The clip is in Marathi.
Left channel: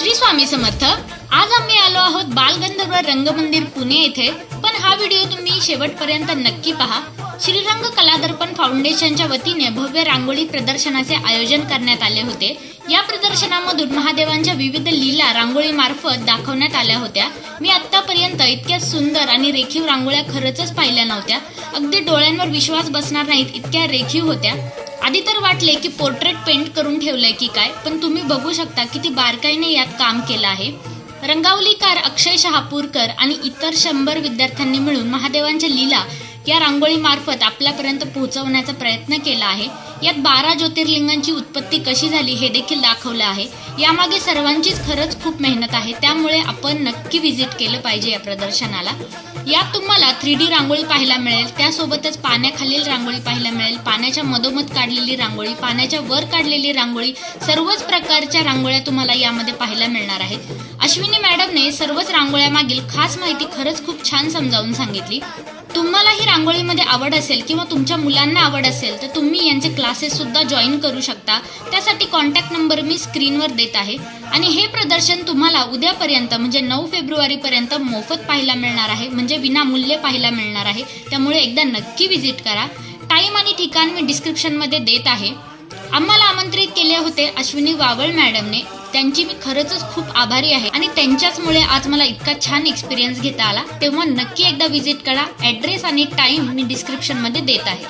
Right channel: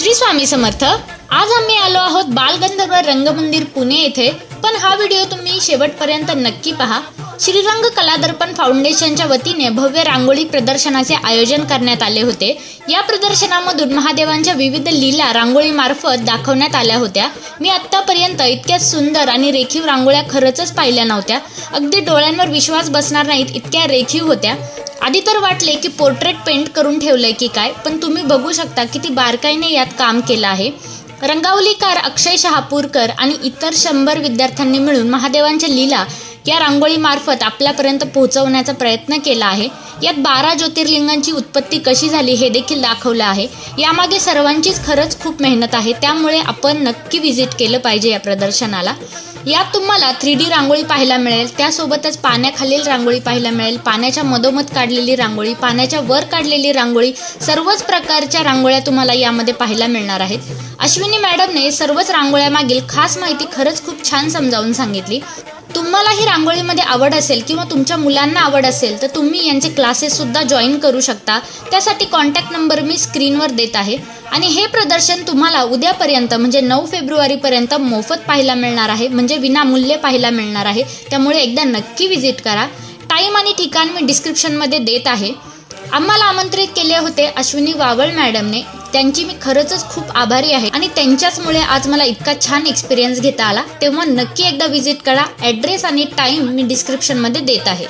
श्री स्वामी समर्थ। आज आम्ही आलो आहोत बालगंधर्व रंगमंदिर पुणे येथे, पण हा व्हिडिओ तुम्ही शेवटपर्यंत नक्की पहा। श्रीरंग कलादर्पण फाउंडेशनच्या वतीने भव्य रांगोळी प्रदर्शनाचे आयोजन करण्यात आले होते। या प्रदर्शनामधून महादेवांच्या विविध लीला रांगोळी मार्फत दाखवण्यात आल्या होत्या। मी आतापर्यंत इतक्या सुंदर आणि रेखीव रांगोळ्या खरंच पाहिल्या नव्हत्या। अगदी डोळ्यांवर विश्वास बसणार नाहीत इतक्या रेखीव होत्या। आधी तर वाटले की पोर्ट्रेट पेंट करून ठेवलंय की काय, पण तुम्ही बघू शकता किती बारकाईने यात काम केलं आहे। रंगावलीकार अक्षय शहापूरकर आणि इतर 100 विद्यार्थ्यांनी मिळून महादेवांच्या लीला या रांगोळी मार्फत आपल्यापर्यंत पोहोचवण्याचा प्रयत्न केला आहे। यात 12 ज्योतिर्लिंगांची उत्पत्ती कशी झाली हे देखील दाखवलं आहे। यामागे सर्वांचीच खरंच खूप मेहनत आहे, त्यामुळे आपण नक्की व्हिजिट केलं पाहिजे या प्रदर्शनाला। यात तुम्हाला 3D रांगोळी पाहायला मिळेल, त्यासोबतच पाण्याखालील रांगोळी पाहायला मिळेल, पाण्याच्या मधोमध काढलेली रांगोळी, पाण्याच्या वर काढलेली रांगोळी, सर्वच प्रकारच्या रांगोळ्या तुम्हाला यामध्ये पाहायला मिळणार आहेत। अश्विनी मॅडमने सर्वच रांगोळ्यामागील खास माहिती खरंच खूप छान समजावून सांगितली। तुम्हाला ही रांगोळीमध्ये आवड असेल किंवा तुमच्या मुलांना आवड असेल तर तुम्ही यांचे क्लासेस सुद्धा जॉईन करू शकता। त्यासाठी कॉन्टॅक्ट नंबर मी स्क्रीनवर देत आहे। आणि हे प्रदर्शन तुम्हाला उद्यापर्यंत म्हणजे 9 फेब्रुवारीपर्यंत मोफत पाहायला मिळणार आहे, म्हणजे विनामूल्य पाहायला मिळणार आहे। त्यामुळे एकदा नक्की व्हिजिट करा। टाइम आणि ठिकाण मी डिस्क्रिप्शनमध्ये देत आहे। आम्हाला आमंत्रित केले होते अश्विनी वावळ मॅडमने, त्यांची मी खरंच खूप आभारी आहे आणि त्यांच्याचमुळे आज मला इतका छान एक्सपिरियन्स घेता आला। तेव्हा नक्की एकदा व्हिजिट करा। ॲड्रेस आणि टाइम मी डिस्क्रिप्शनमध्ये देत आहे।